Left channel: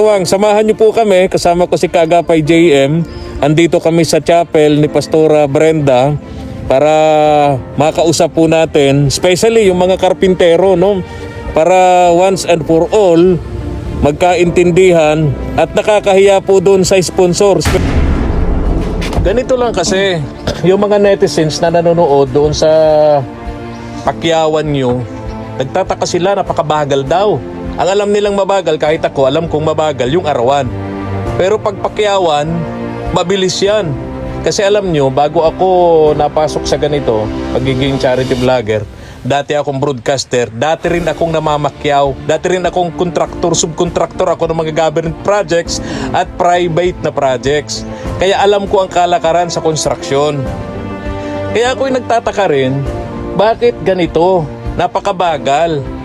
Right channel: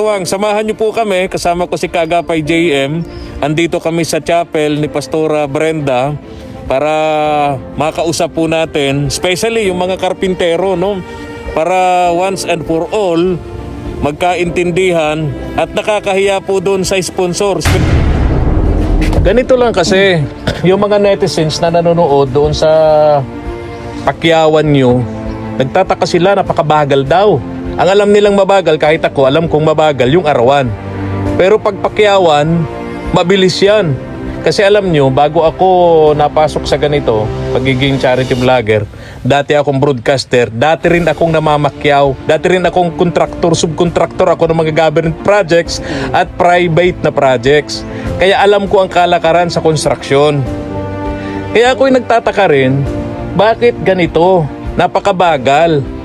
katuwang, samahan niyo po kami, kasama ko si Kaagapay JM. Andito kami sa chapel ni Pastora Brenda para makausap po natin, especially yung mga karpintero, no? Para once and for all, magkaintindihan at nakakahiya po doon sa sponsors. Ganito lang kasi, yung mga netizens na nanonood doon sa pakyawan nyo, nagtataka sila, napakabagal daw. Ang alam nilang mabagal, kahit ako alam kong mabagal, yung arawan. Pero pag pakyawan, mabilis yan. Kasi alam nyo, bago ako napasok sa ganito, pagiging charity vlogger, dati akong broadcaster, dati rin akong namamakyaw, dati rin akong contractor, subcontractor ako ng mga government projects at private na projects. Kaya alam ko ang kalakaran sa construction. Kaya ako'y nagtataka rin, bakit ganito? Napakabagal.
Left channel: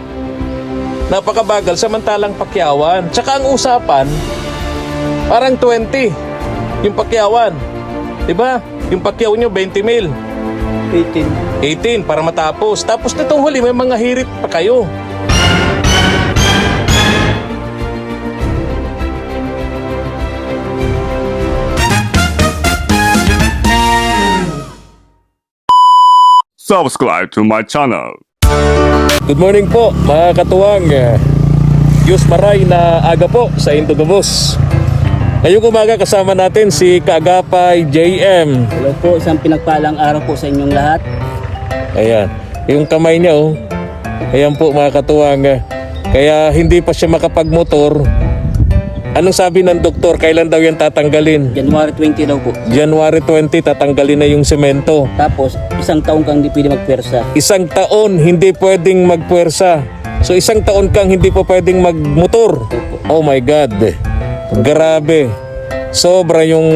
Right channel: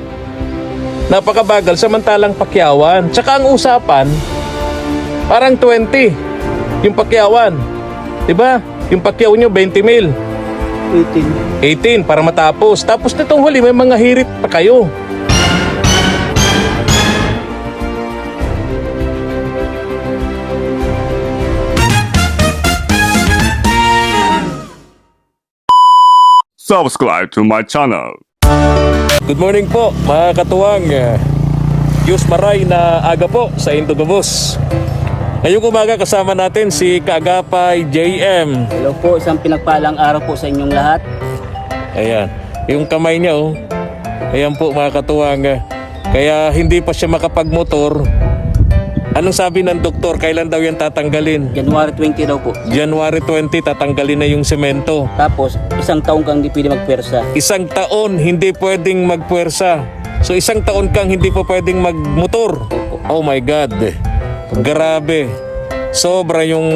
Napakabagal samantalang pakyawan. Tsaka ang usapan, parang 20 yung pakyawan. Diba? Yung pakyaw nyo 20 mil. 18 para matapos. Tapos nitong huli may mga hirit pa kayo. Subscribe to my channel. Good morning po mga katuwang. Diyos maray na aga po sa Indogabos. Ngayong umaga kasama natin si Kaagapay JM. Hello po, isang pinagpalang araw po sa inyong lahat. Ayan, yung kamay niya oh. Ayan po mga katuwang. Kaya hindi pa siya makapagmotor. Anong sabi ng doktor? Kailan daw yan tatanggalin? January 20 daw po. January 20 tatanggalin na yung semento. Tapos, isang taong kang hindi pwede magpwersa. Isang taon hindi pwedeng magpuwersa. So isang taon kang hindi pa pwedeng magmotor. Oh my God. Grabe. Sobra yung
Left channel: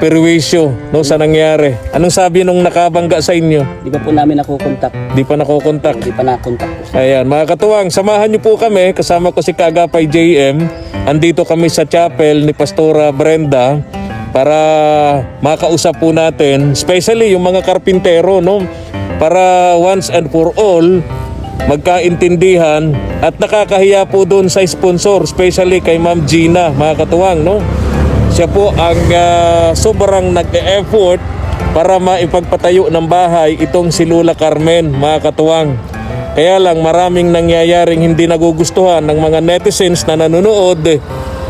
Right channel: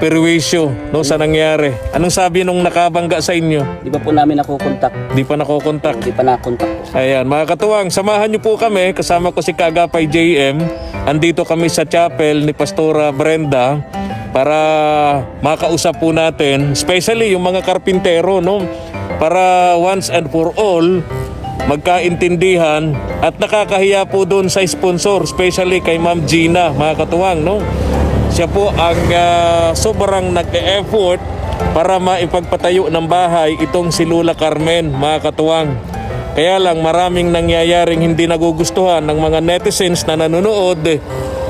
perwisyo no, sa nangyari. Anong sabi nung nakabangga sa inyo? Di ba po namin nakukontak? Di pa nakokontak. Di pa nakontak po. Ayan, mga katuwang, samahan niyo po kami. Kasama ko si Kaagapay JM. Andito kami sa chapel ni Pastora Brenda para makausap po natin, especially yung mga karpintero, no? Para once and for all, magkaintindihan at nakakahiya po doon sa sponsor, especially kay Ma'am Gina, mga katuwang, no? Siya po ang sobrang nag-e-effort para maipagpatayo ng bahay itong si Lola Carmen, mga katuwang. Kaya lang maraming nangyayaring hindi nagugustuhan ng mga netizens na nanonood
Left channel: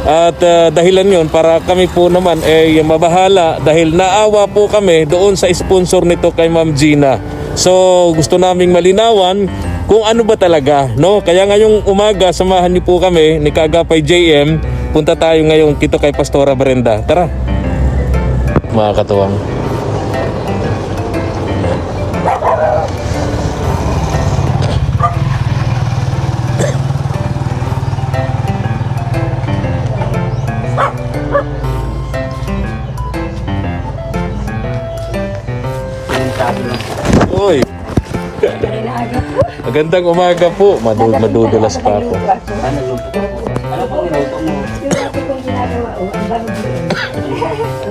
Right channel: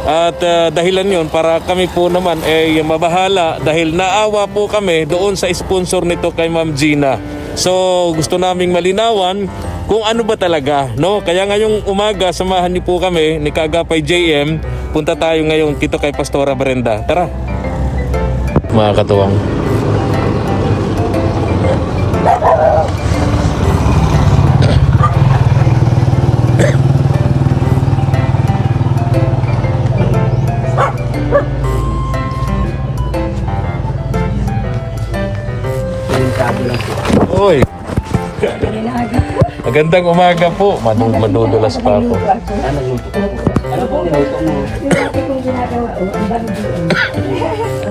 at dahilan yon para kami po naman ay mabahala dahil naawa po kami doon sa sponsor nito kay Ma'am Gina. So gusto naming malinawan kung ano ba talaga, no? Kaya ngayong umaga samahan niyo po kami ni Kaagapay JM. Punta tayo ngayon dito kay Pastora Brenda. Tara. Mga katuwang. Oy. Magandang umaga po. Madudulas pa ako.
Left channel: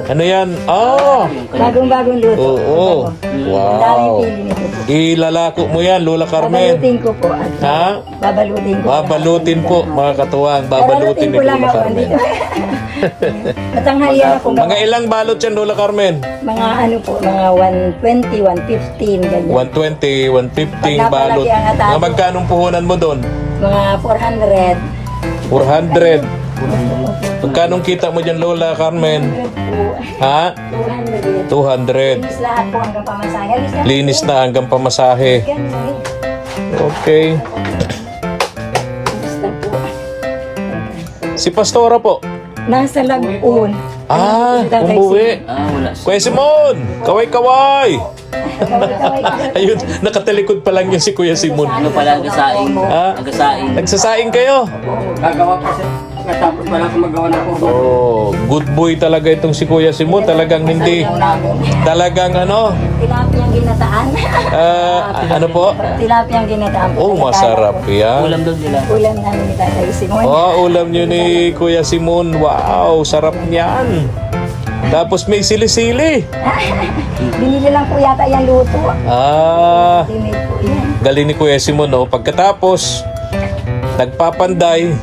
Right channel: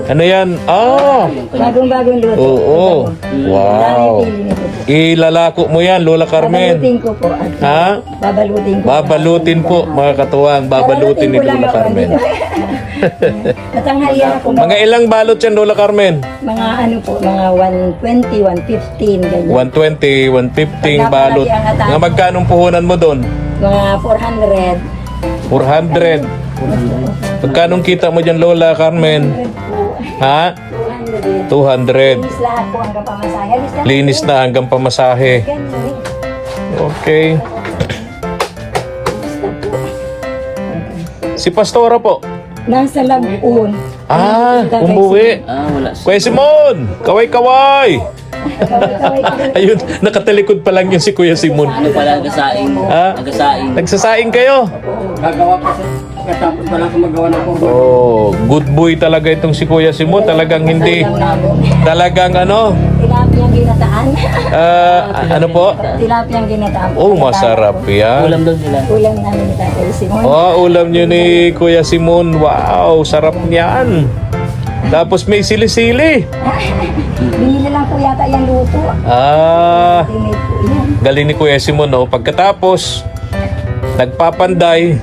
Ano yan? Ah! Bagong-bagong luto. Oo. Wow. Ilalako mo yan, Lola Carmen. Babalutin ko po. Ha? Babalutin ko. Babalutin po, mga katuwang. Babalutin ni ko lang Lola ako Carmen. dito. Matanghalian ako. Mga ilang balot yan, Lola Carmen? Mga ano po, mga 120, 115, ganyan. 120, 115 balot. Pag napalagi ang atake. Mga magkanong puhunan mo doon? Mga 400. 400. Magkanong kita mo dyan, Lola Carmen? Ha? 200. 200. Linis lahat po hanggang pamasahe. Linis na hanggang pamasahe. Ganyan. Okay. Linis na po. Si Pastora po. Nasa Lagoon. Ah, umuwi. Wala. Kuya Simon! Kaway-kaway! Ayun, nakatalikod pa lang yung si Kuya Simon. Ano pala, agasaing? Ha? Agasaing. Nagsasaing kayo? Gagawa pa siya. Natapos pala kung magawa na po. Oh, good boy talaga itong si Kuya Simon. Talagang hindi. Talagang ano? Tilapiyang ginataan. Ano po? Tilapiyang ginataan. Oh, masarap yan. Ulam daw nila. Ulam namin ni Tatay Simon. Oh, ulam nyo ni Kuya Simon. Wow, sarap niyan. Tapos may sili-sili. Binili lang po yata yung luto. Ah, Tinid po yan. galing ni Kuya Simon, no? Pagkatapos, nagpapanday,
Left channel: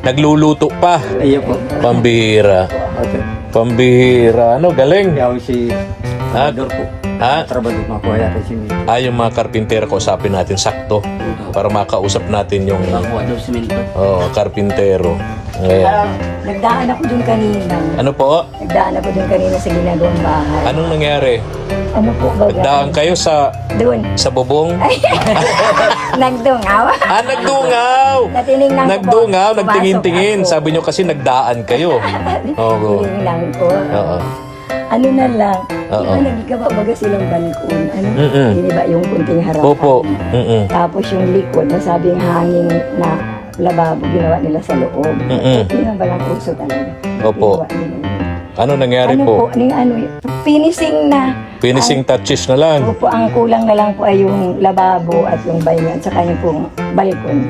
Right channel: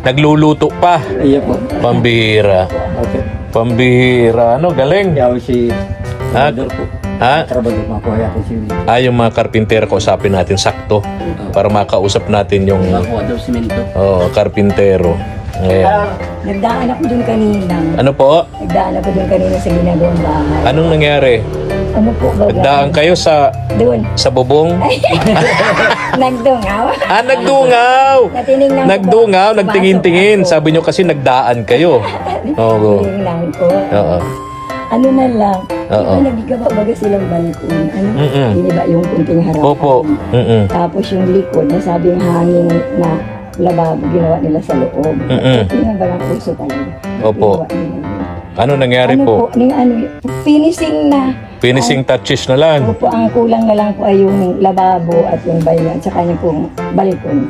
Nagluluto pa. Iya po. Pambihira. Okay. Pambihira. Ano, galing. Kaya si Ha? Trabador po. Ha? Trabador mga po hayatan si Yung mga karpintero, kausapin natin sakto para makausap natin yung Makuha daw simento. karpintero. Ngayon. Nagdaan ako dun kanina. Ano po? Nagdaan ako dun kanina sa ginagawang bahay. Anong nangyari? Ano po ba? Nagdaan kayo sa Doon. bubong? Nagdungaw. Nagdungaw! Natinignan ko po. Nagdungaw, Pumasok nagtingin-tingin. ako. Sabi nyo kasi nagdaan kayo. Oo. Tinignan ko. Oo. Ano na lang. Oo. Yung nagigaba baga silang balkon. Ano? Mm-mm. Di ba yung kunting harapan? Opo. Mm-mm. Tapos yung likod, nasabing hangin na lababo, ginawa nila sa loob. Mm-mm. Yun ang balang puso talaga. Opo. Ginawa nila yun. Ano nangyari Ano po? finishing na. Finishing touches na lang. Opo, ang kulang na lang po ay yung lababo at yung banyo at saka yung pong balkon.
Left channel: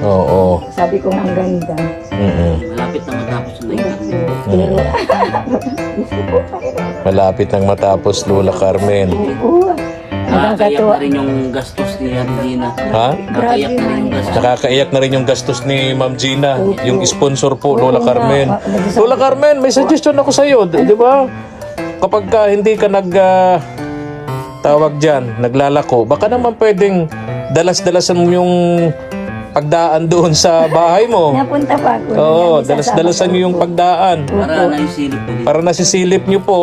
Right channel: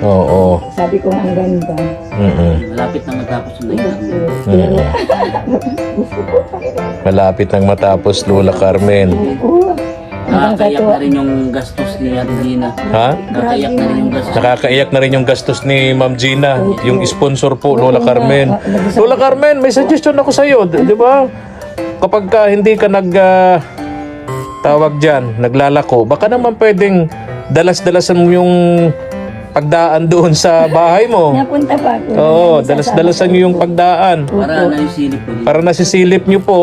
Oo. Sabi ko ang ganda. Mm-mm. Malapit na matapos yung nailan. Pero, Malapit nang matapos, Lola Carmen. oo. Hanggang Nakakaiyak katuwa. na rin yung gastos ni Regina. Ha? Nakakaiyak na rin yung gastos. Nakakaiyak na rin yung gastos ni Ma'am Gina, yung sponsor po, Lola Oo Carmen. nga. Lola Carmen, may suggestion ako sa iyo, di ba? Kapag ka hindi ka tawag diyan, naglalako, baka naman pwedeng dalas-dalasan mo yung pagdaan doon sa bahay mo. Napunta pa ako. Oo, dalas-dalasan niyo yung pagdaan. Para na yung silip ko. Para nasisilip niyo po.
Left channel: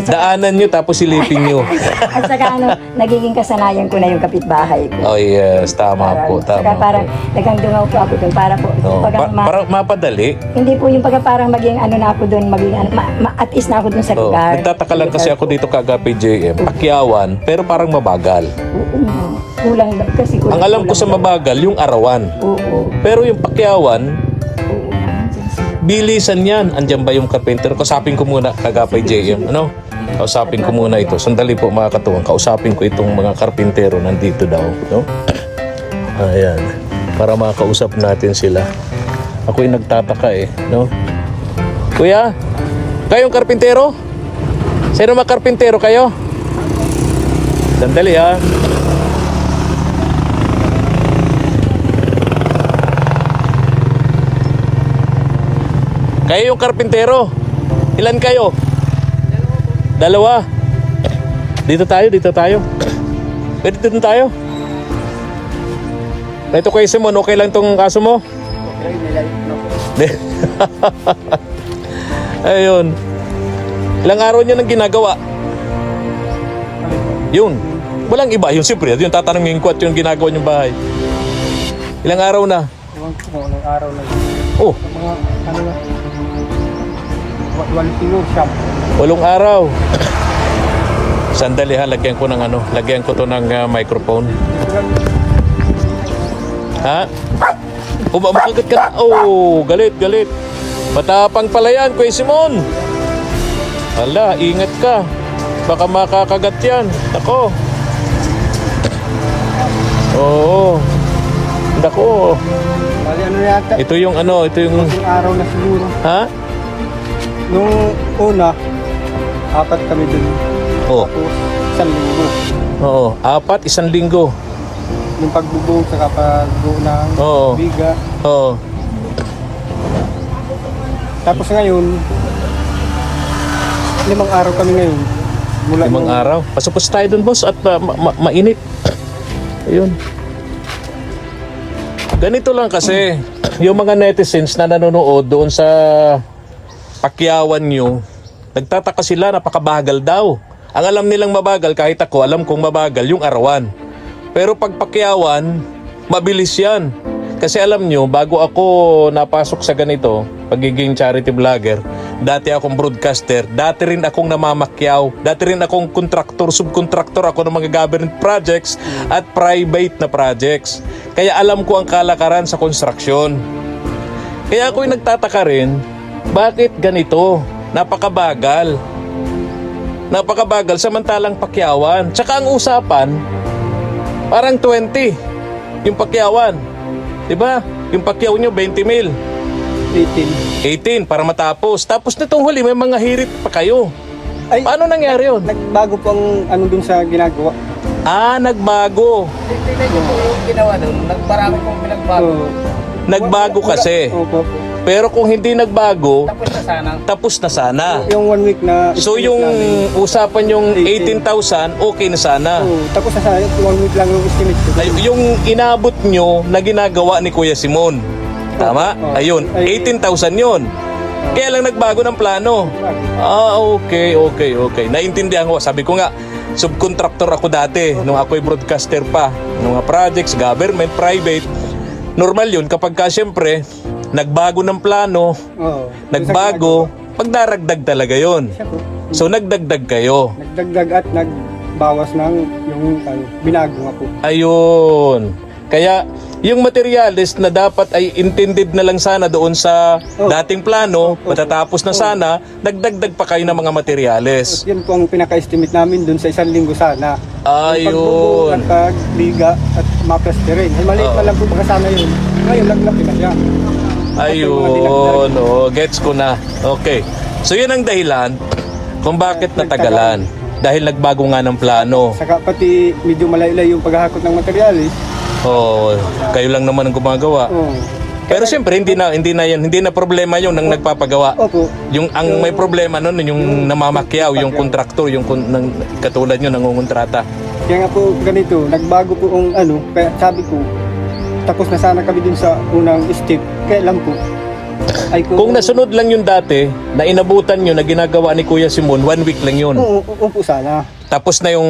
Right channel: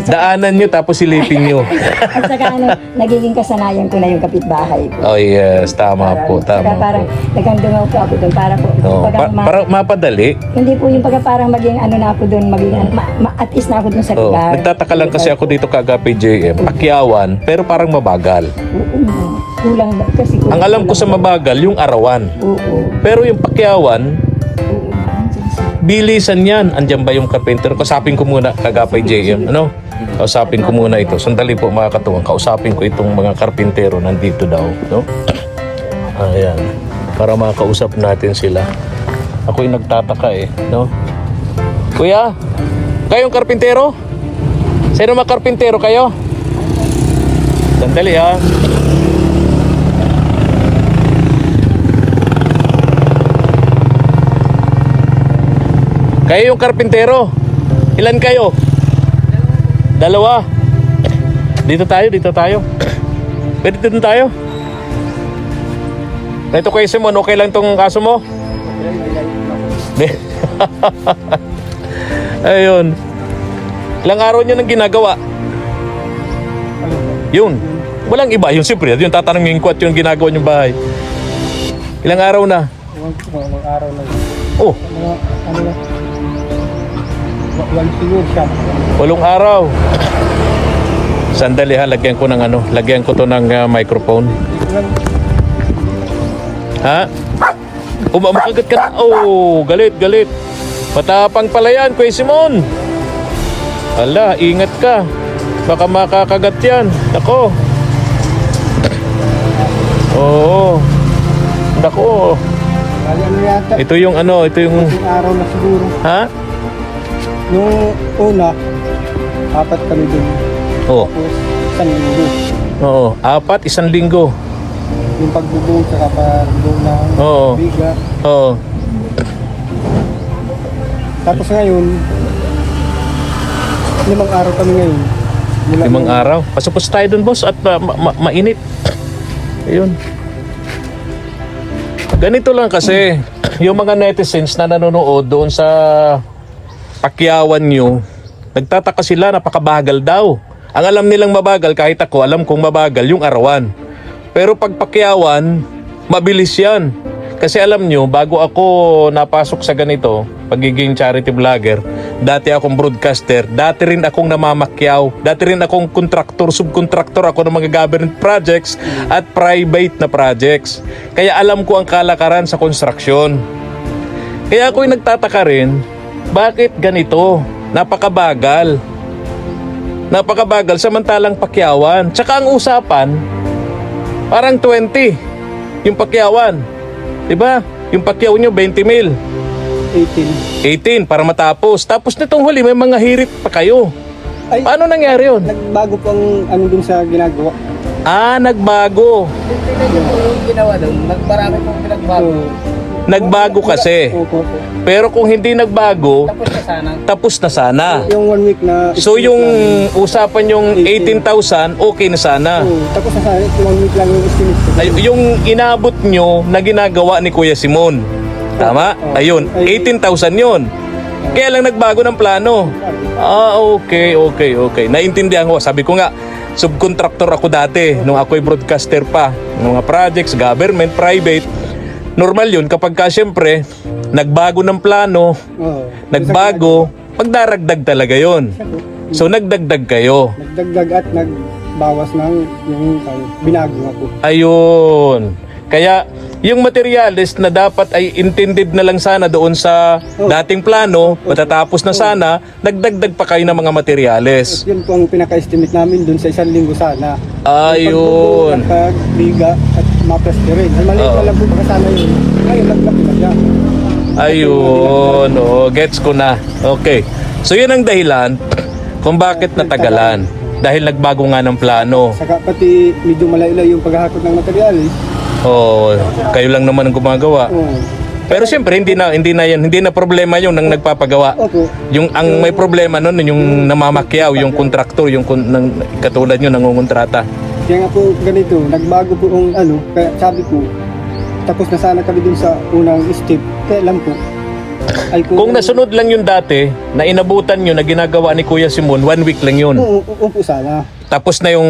Daanan niyo tapos silipin niyo. At saka ano, nagiging kasanayan ko na yung kapitbahay ko. Oh yes, tama po, Saka tama parang po. nagkandungaw po ako doon para po. Oh, pag para mapadali. hindi po yung pagka parang maging ano na ako doon, maging ano, at least na ako doon sa Oh, lugar. nagtataka lang kasi ako dito kagapi JM, Pakyawan, pero parang mabagal. Oo, kulang kasi kulang. Ang alam ko sa mabagal, yung arawan. Oo. Pero yung Pakyawan, Oo. Nandyan sila. bilisan yan. Andyan ba yung carpenter? Kausapin ko muna, kagapay JM. Ano? Kausapin ko muna ito. Sandali po mga katuwang. Kausapin ko itong mga karpintero nandito daw. No? Ayan. Para makausap natin sila. Ako'y nagtataka eh. No? Kuya, kayong karpintero? Sino mga karpintero kayo? Sandali ha. Kayo yung karpintero. Ilan kayo? Dalawa. Dito tayo. Pwede dito tayo. Ito kay Simon, okay lang tong kaso mo? Ayun. Ilang araw niyo nang ginagawa? Yun. Walang iba. Yung siyempre, yung tatanungin ko at yung ginagawa niyong bahay. Ilang araw na? Ewan ko kung anong araw na yun. Oh, Mga ano na. Walang siguro siyam. 8 araw. Sandali ha, lagyan ko ng lagyan ko to ng microphone. Hindi ko lang Ha? Makagat ka na. Oh, galit. Matapang pala yan, Kuya Simon. Hala, ingat ka. Baka makakagat yan. Nako. Oo. Nako. bali ano yata. Ito yung Yung araw na siguro. ha? Nung una, 4 kami dun. Oh. Tapos, 1 linggo. Oo, 4, 1 linggo. Yung pagbubuo sa pagbuo ng Oo. biga. Oo. Tapos ngayon, 5 araw kami ngayon. Mula 5 araw. Pasupos tayo dun, boss, at mainit. Ayun. Ganito lang kasi, yung mga netizens na nanonood doon sa Pakyawan nyo, nagtataka sila, napakabagal daw. Ang alam nilang mabagal, kahit ako, alam kong mabagal yung arawan. Pero pag Pakyawan, mabilis yan. Kasi alam nyo, bago ako napasok sa ganito, pagiging charity vlogger, dati akong broadcaster, dati rin akong namamakyaw, dati rin akong contractor, subcontractor ako ng mga government projects at private na projects. Kaya alam ko ang kalakaran sa construction. Kaya ako'y nagtataka rin, bakit ganito? Napakabagal. Napakabagal samantalang Pakyawan. Tsaka ang usapan, parang 20 yung Pakyawan. Diba? Yung Pakyaw nyo 20 mil. 18 para matapos. Tapos nitong huli may mga hirit pa kayo. Ay, Paano nangyari yun? nagbago po ang ano dun sa ginagawa. Nagbago. So, Nagbago kasi. Opo. Pero kung hindi nagbago, Tapos na sana. tapos na sana. Yung 1 week na... So yung estimate usapan yung 18,000, okay na sana. namin. Oo, tapos na sana. 1 week lang yung estimate ko. Ay, yung inabot nyo na ginagawa ni Kuya Simon. Tama? Oo. Ayun, 18,000 yun. Kaya lang nagbago ng plano. Okay. Naintindihan ko. Sabi ko nga, subcontractor ako dati nung ako'y broadcaster pa. Ng mga projects, government, private. Normal yun kapag ka syempre, nagbago ng plano, Oo. nagbago, pagdaragdag talaga yun. Siya po. So nagdagdag kayo. Nagdagdag at nagbawas ng yung binago nga po. Ayun. Kaya yung materials na dapat ay intended na lang sana doon sa dating plano, matatapos na sana, nagdagdag pa kayo ng mga materyales. Yun po ang pinaka-estimate namin dun sa 1 linggo sana. Ayun. At liga at maplasterin. Ay, maliit na lang po baka sana yun. Ngayon, laglaki na siya. Ayun. Gets ko na. Okay. So yun ang dahilan kung bakit natagalan. Dahil nagbago nga ng plano. Saka pati medyo malayo yung paghahakot ng materialis. Kayo lang naman ang gumagawa. Oo. Pero siyempre hindi na problema yung nang nagpapagawa. Opo. Yung ang may problema noon yung namamakyaw, yung kontraktor, yung katulad nyo nangungontrata. Kaya nga po ganito, nagbago po ang kaya sabi ko, tapos na sana kami dun sa unang step. Kaya lang po, ay Kung nasunod lang yung dati, na inabutan nyo na ginagawa ni Kuya Simon, 1 week lang yun. Oo po sana. Tapos na yung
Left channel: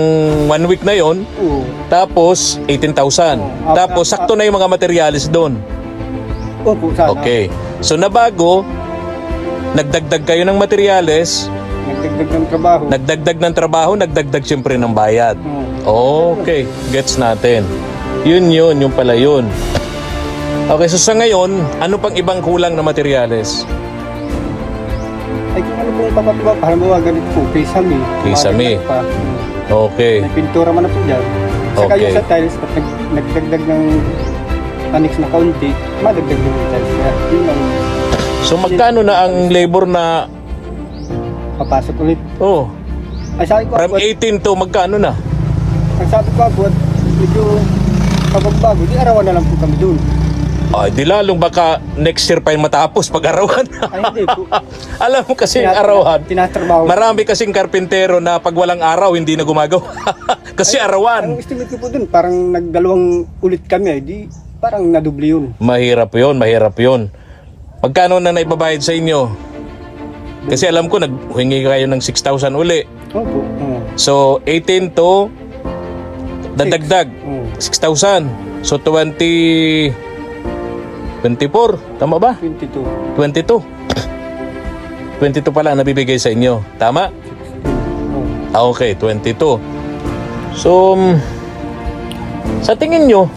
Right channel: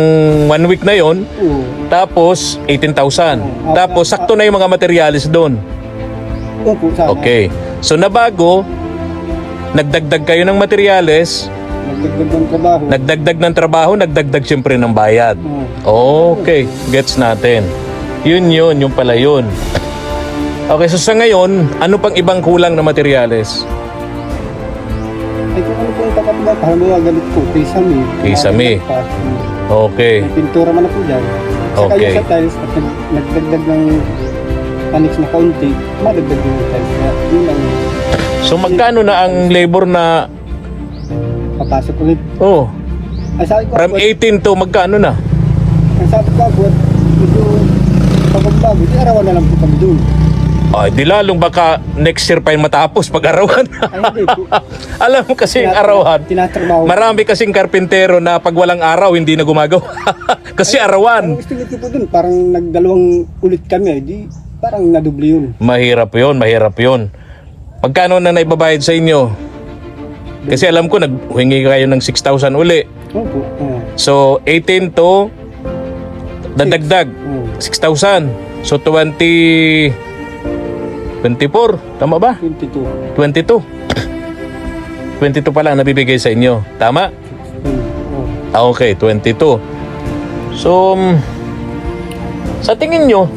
1 week na yon, Oo. tapos 18,000. Oo. Tapos sakto na yung mga materialis doon. Opo sana. Okay. So nabago, nagdagdag kayo ng materyales, Nagdagdag ng trabaho. nagdagdag ng trabaho, nagdagdag siyempre ng bayad. Oo. Okay, gets natin. Yun pala yun. Okay, so sa ngayon, ano pang ibang kulang na materyales? Ay kung ano pong papagawa, parang mga ganito po, kisame. Kisame. Pa. Okay. May pintura man na po dyan. Saka Okay. yung sa tiles, at nagdagdag ng annex na kaunti, madagdag din yung tiles. Kaya yun ang So magkano na ang labor na, papasok ulit. Ay sabi ko, from 18 to magkano na? ang sabi ko po, medyo pagbabago, di arawan na lang po kami dun. Ay, di lalong baka next year pa yung matapos pag-arawan. Ay hindi po. Alam mo kasi yung arawan, Tinatrabaho. marami kasing karpintero na pag walang araw hindi na gumagawa. Kasi Ang arawan. estimate ko po dun, parang nagdalawang ulit kami, di parang nadubli yun. Mahirap yun. Magkano na naibabayad sa inyo? Kasi alam ko naghingi kayo ng 6,000 uli. Opo. So 18 to dadagdag Oo. 6,000. So 24, tama ba? 22. 22. 22 pa lang nabibigay sa inyo. Tama? Oo. Okay, 22. So, sa tingin nyo,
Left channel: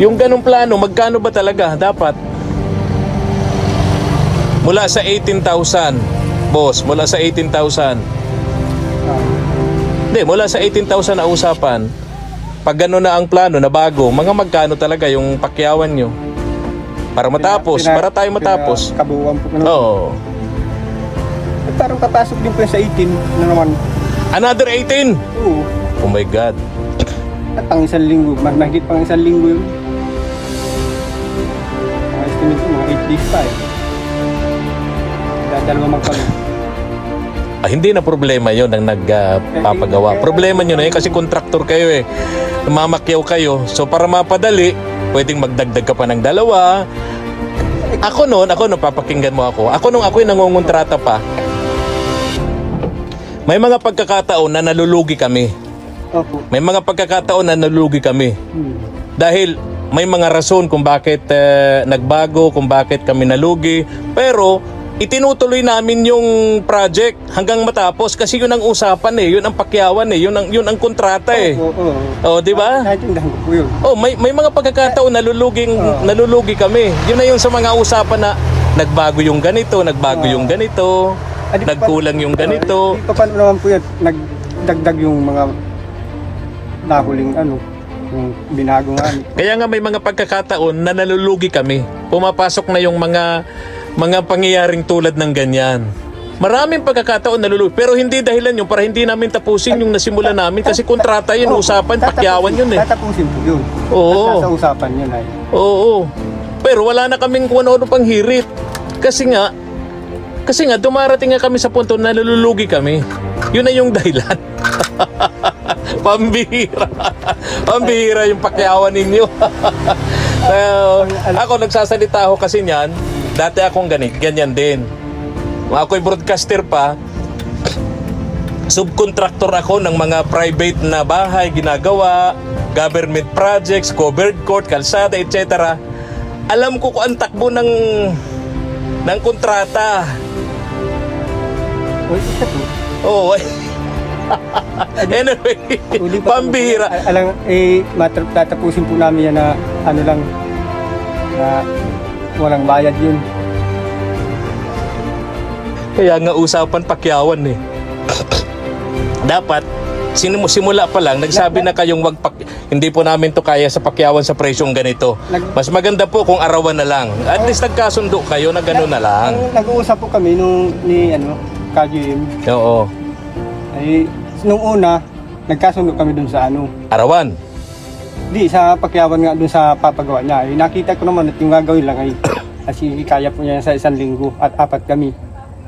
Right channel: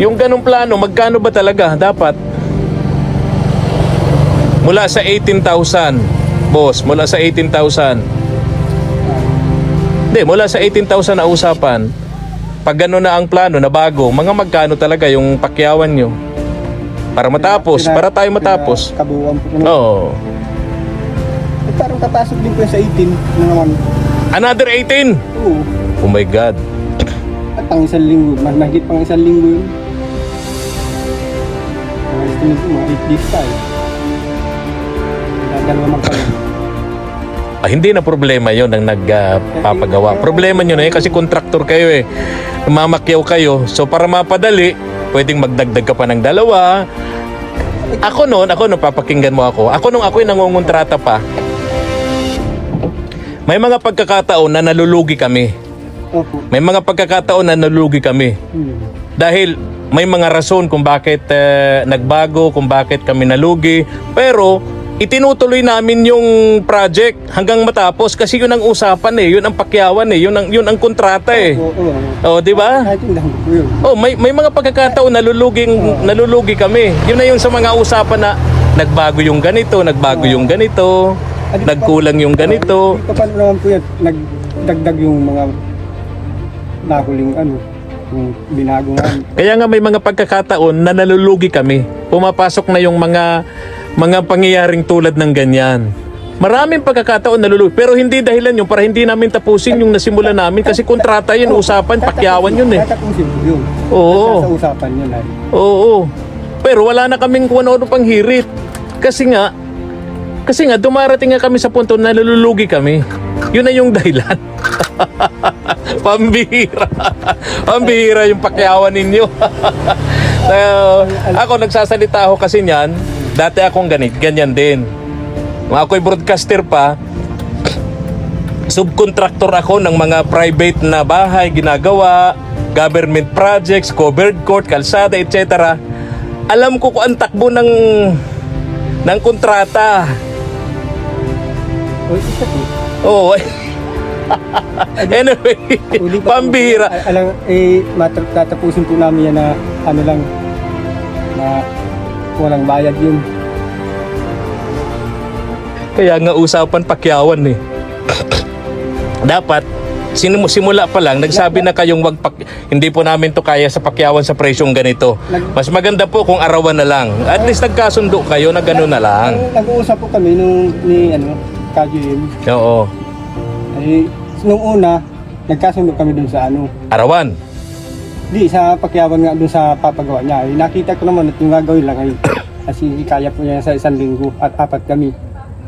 yung ganong plano, magkano ba talaga dapat? Mula sa 18,000, boss, mula sa 18,000. Hindi, mula sa 18,000 na usapan, pag gano'n na ang plano na bago, mga magkano talaga yung pakyawan nyo? Para matapos, para tayo matapos. Kabuuan po. Oo. Eh, parang papasok din po sa 18 na naman. Another 18? Oo. Oh my God. At ang 1 linggo, mahigit pang 1 linggo yun. Mga estimate ko, mga 8 days tayo. Dadalawa magkano. Hindi na problema yon ang nagpapagawa. Problema nyo na yun kasi kontraktor kayo eh. Mamakyaw kayo. So para mapadali, pwedeng magdagdag ka pa ng 2. Ako noon, papakinggan mo ako. Ako nung ako'y nangungontrata pa, may mga pagkakataon na nalulugi kami. Opo. May mga pagkakataon na nalulugi kami. Dahil may mga rason kung bakit nagbago, kung bakit kami nalugi. Pero itinutuloy namin yung project hanggang matapos kasi yun ang usapan eh, yun ang pakyawan eh, yun ang kontrata eh. Oo. Oh, di ba? Naintindihan ko po yun. Oh, may mga pagkakataon nalulugi kami. Yun na yung sa mga usapan na nagbago yung ganito, yung ganito, nagkulang yung ganito. Di pa paano naman po yan, nagdagdag yung mga nahuling yung binago nga. Kaya nga may mga pagkakataon na nalulugi kami. Pumapasok na yung mga pangyayaring tulad ng ganyan. Maraming pagkakataon nalulugi. Pero hindi dahilan yun para hindi namin tapusin yung nasimula namin. Kasi kontrata yun, usapan, pakyawan yun eh. Tatapusin po yun. Oo. Nasa usapan yun ay. Oo. Pero wala na kaming kung ano pang hirit. Kasi nga, dumarating nga kami sa punto na nalulugi kami. Yun na yung dahilan. Pambihira. Pambihira yung pakyawan ninyo. Ako nagsasalita ako kasi niyan. Dati akong ganyan din. Ako'y broadcaster pa. Subcontractor ako ng mga private na bahay, ginagawa, government projects, covered court, kalsada, etc. Alam ko kung ang takbo ng kontrata. O, isa po. Oo. Anyway, Uli pa po. pambihira. Alam, tatapusin po namin yan na ano lang, na walang bayad yun. Kaya nga usapan pakyawan eh. Dapat simula pa lang nagsabi na kayong hindi po namin to kaya sa pakyawan sa presyong ganito. Mas maganda po kung arawan na lang. At least nagkasundo kayo na gano'n na lang. Nag-uusap po kami ni KGM. Oo. Ay, nung una, nagkasundo kami dun sa Arawan. Di, sa pakyawan nga dun sa papagawa niya. Ay, nakita ko naman at yung gagawin lang ay kasi kaya po niya sa 1 linggo at 4 kami.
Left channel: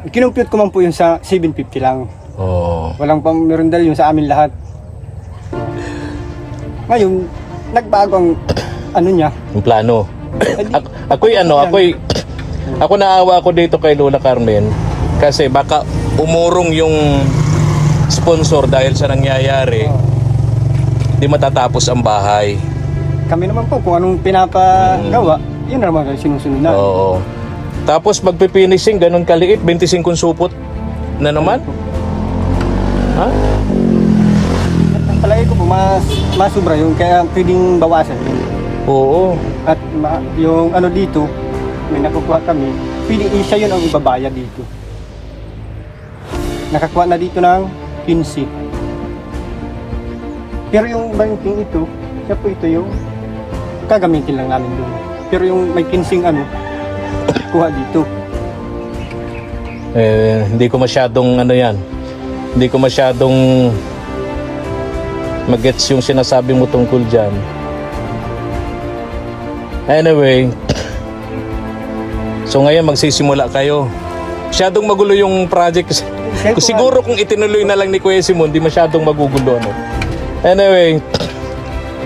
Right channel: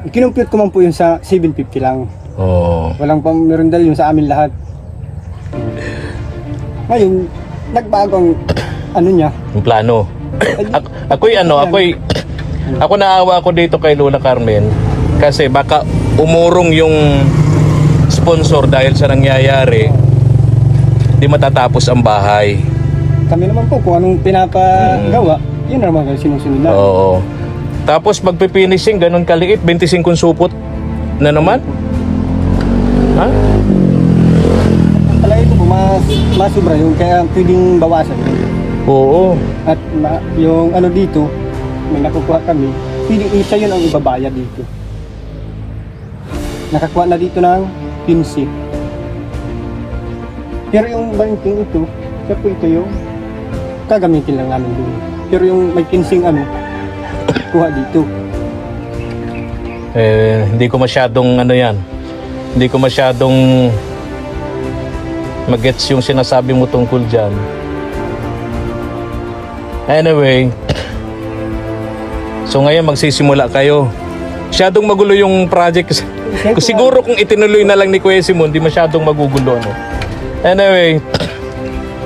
Kinumpute ko man po yun sa 750 lang. Oo. Walang meron dahil yung sa amin lahat. Ngayon, nagbago ang niya. Yung plano. Ako naawa ko dito kay Lola Carmen kasi baka umurong yung sponsor dahil sa nangyayari. Di matatapos ang bahay. Kami naman po kung anong pinapagawa, yun naman kayo sinusunod na. Oo. Tapos magpifinishing, ganun kaliit, 25 supot na naman. Ha? Ang palagi ko po, masubra yun, kaya pwedeng bawasan yun. Oo. At yung dito, may nakukuha kami, pwedeng isa yun ang ibabayad dito. Nakakuha na dito ng 15. Pero yung banking ito, siya po ito yung gagamitin lang namin doon. Pero yung may 15 kuha dito. Hindi ko masyadong yan. Hindi ko masyadong magets yung sinasabi mo tungkol dyan. Anyway, so ngayon magsisimula kayo. Masyadong magulo yung project. Siguro kung itinuloy na lang ni Kuya Simon, di masyadong magugulo. Anyway,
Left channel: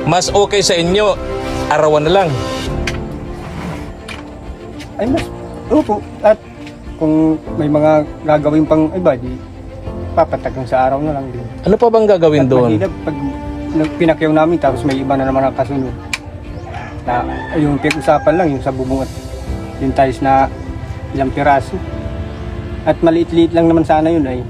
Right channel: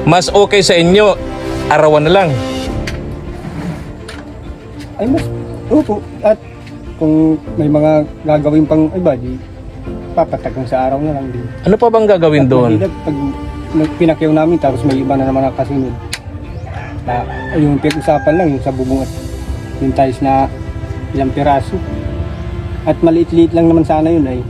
mas okay sa inyo, arawan na lang. Ay, opo. At kung may mga gagawin pang iba, di papatagang sa araw na lang din. Ano pa bang gagawin At doon? mahirap pag pinakyaw namin tapos may iba na naman ang kasunod. Na yung pinag-usapan lang yung sa bubong at yung tiles na ilang piraso. At maliit-liit lang naman sana yun ay.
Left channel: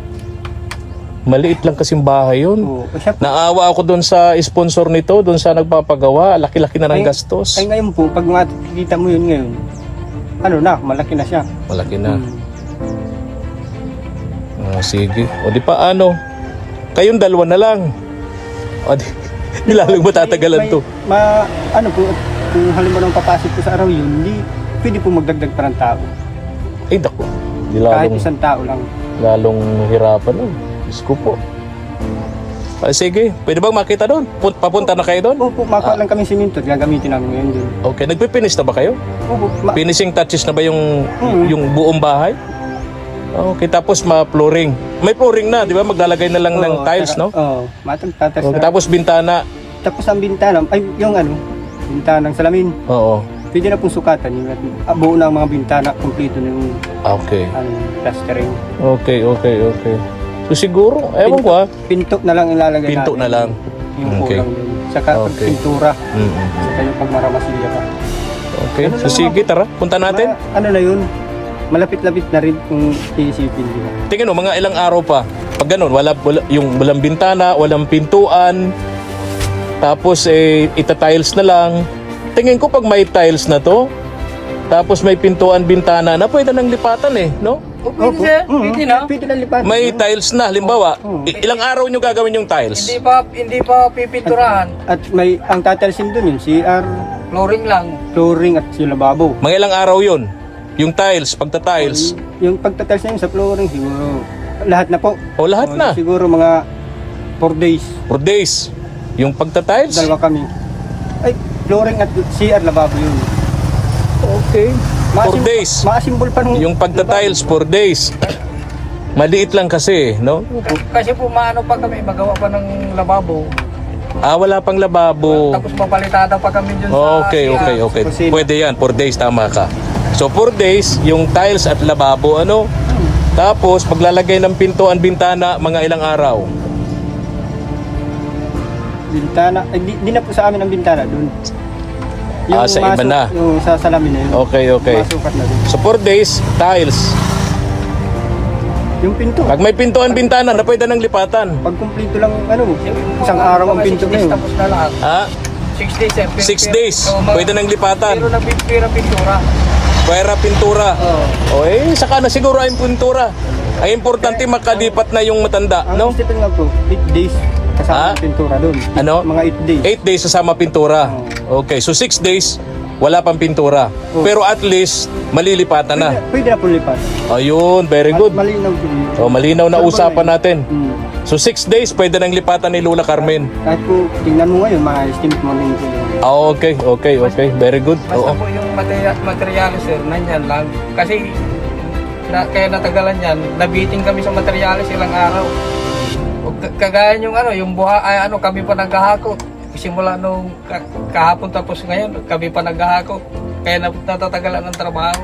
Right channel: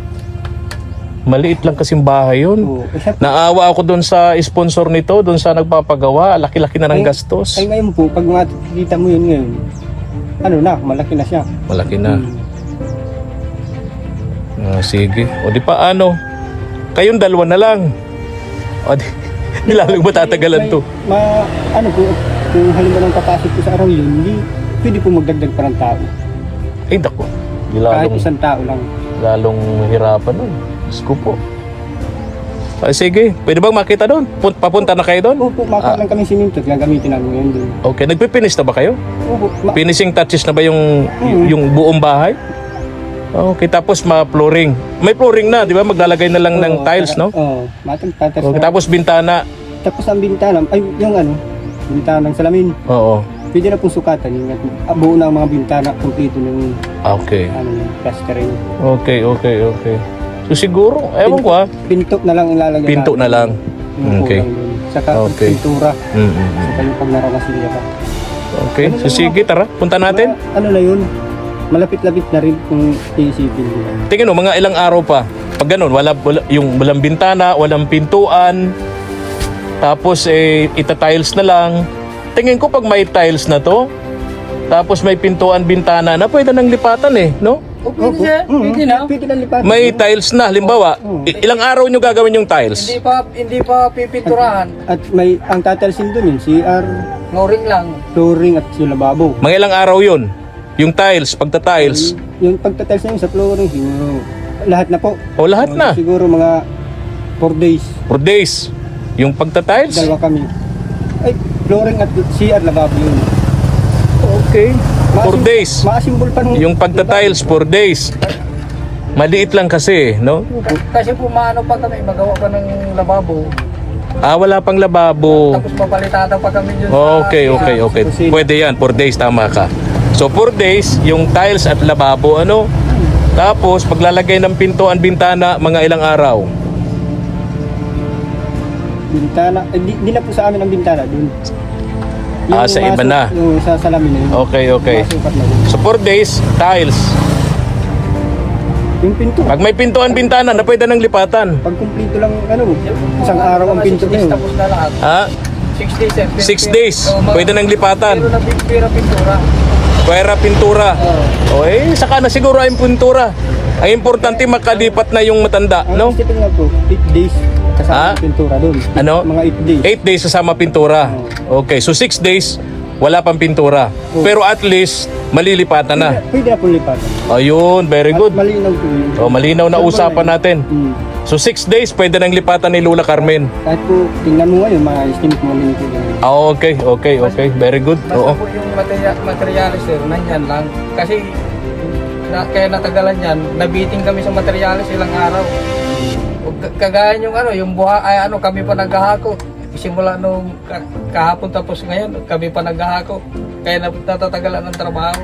Maliit lang kasing bahay yun. Oo. Naawa ako doon sa sponsor nito, doon sa nagpapagawa. Laki-laki na ng gastos. Ay ngayon po, pag makikita mo yun ngayon, malaki na siya. Malaki na. Sige. O di pa kayong dalawa na lang. O di lalong matatagalan to. Kung halimbawa nang papasok ko sa araw yun, hindi pwede po magdagdag pa ng tao. Ay, dako. Di Kahit lalong, 1 tao lang. lalong hirapan nun. Diyos ko po. Sige. Pwede bang makita doon? Papunta na kayo doon? Opo, makuha lang kami siminto at gagamitin namin ngayon doon. Okay. Nagpipinish na ba kayo? Opo, Finishing touches na ba yung buong bahay? Okay, tapos flooring. May flooring na, di ba? Maglalagay na lang ng tiles, no? Oo, matagtatas Okay, na. tapos bintana. Tapos ang bintana, yung bintanang salamin. Oo. Pwede na pong sukatan yung buo na ang mga bintana, kompleto ng Okay. plastering. Okay. So siguro, ewan ko Pinto na lang ilalagay Pinto natin. na lang. Yung Okay. kulang dun. Saka Okay. pintura. Mm-mm. Saka yung pag naramasilya ka. Okay, so sige, tara, punta natin. Na yun, malapit-lapit na rin kung iisipin nila. Tingnan mo, mga ilang araw pa. Pag ganun, walang bintana, walang pintuan, tapos ita-tiles na lang. Tingin ko pag may tiles na to, tapos may pintuan, bintana na, pwede nang lipatan no? Pwede siya, pwede na. Pwede na lipat. May tiles na, halimbawa, ilang araw nyo gagawin yung tiles? Hindi pa pipinturahan. At may ang tatalsin doon yun, CR, Flooring lang. flooring at yung lababo. Mga ilang araw yun? Yung tiles, pagta-tiles. Yung pagtatiles na yun sa flooring, siguro lahat na po. O lahat na. Siguro mga 4 days. 4 days. Yung pagta-tiles. Dalawa kami. Ay, flooring at CR lababo yun. Okay. 4 days. Maasimbol pa nung... Yung pagta-tiles, 4 days. Maliit lang kasi, no? Kasi po maano pa kami, magawa pa ng lababo. Wala pang lababo. Tapos papalitada pa kami dyan sa Okay. CR. Pwede yan, 4 days, tama ka. So 4 days, yung tiles at lababo, ano? Tapos, paglalagay ng pintuan, bintana, mga ilang araw. Bintana. Di na po sa amin ang bintana dun. Sa iba na. Yung sa salamin na yun. Okay. Masukat na dun. So 4 days, tiles. Yung pinto. Pag may pintuan, bintana, na pwede nang lipatan. Pag kumpleto lang, isang araw ang pinto na yun. Tapos na lahat. Ha? 6 days. 6 days, pwede nang lipatan. Pero na pintura. Pwera pintura. Saka na siguro ay pintura. Ang importante makalipat na yung matanda, Ang no? isipin nga po, 8 days kasama ang pintura doon. Ano? Mga 8 days. 8 days kasama pintura. Okay, so 6 days wala pang pintura. Pero at least malilipatan na. Pwede na po lipat. Ayun, very good. At malinaw po yun. Malinaw na usapan natin. Hmm. So 6 days pwede nang lipatan ni Lola Carmen. Kahit po, tingnan mo ngayon, mga estimate mo rin po yun. Okay. Very good. Basta po yung materialis sir, nandyan lang. Kasi kaya natagalan yan, nabiting kami sa materialis ilang araw. Kagaya yung buha, kami pa naghahakot. Simula nung kahapon tapos ngayon, kami pa naghahakot. Kaya natatagalan ng trabaho.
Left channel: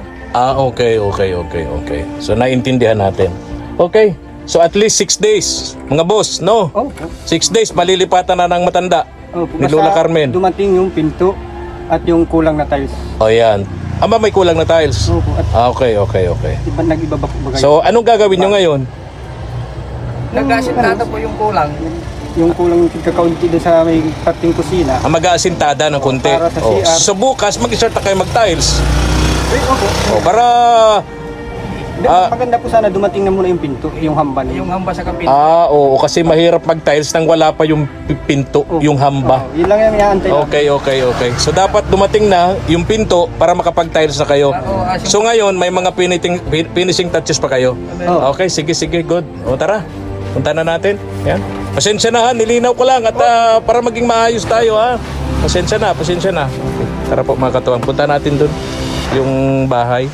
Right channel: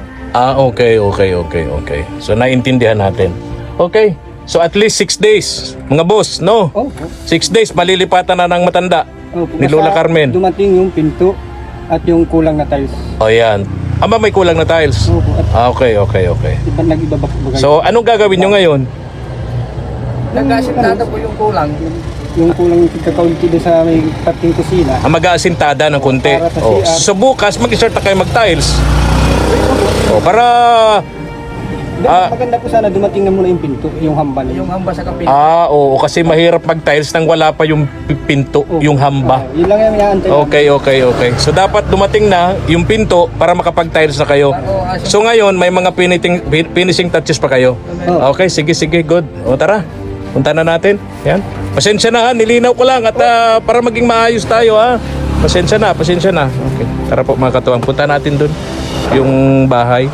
Okay. So naintindihan natin. Okay. So at least 6 days, mga boss, no? 6 days malilipatan na ng matanda ni Lola Carmen. Dumating yung pinto at yung kulang na tiles. Yan. May kulang na tiles. Opo. At Okay. nag-iba ba po bagay? So anong gagawin nyo ngayon? Nag-asintada po yung kulang. Yung kulang kakaunti doon sa may parting kusina. Mag-aasintada ng konti. Para sa CR. So bukas mag-start na kayo mag-tiles. Para Maganda po sana dumating na muna yung pinto, yung hamba na Yung hamba sa kapit. oo, kasi mahirap mag-tiles nang wala pa yung pinto, yung hamba. Yun lang yung iaantay. Okay. So dapat dumating na yung pinto para makapag-tiles na kayo. So ngayon may mga finishing touches pa kayo. Okay, sige, good. Tara. Punta na natin. Yan. Pasensya na ha, nilinaw ko lang at para maging maayos tayo ha. Pasensya na. Okay. Tara po mga katuwang, punta natin dun yung bahay.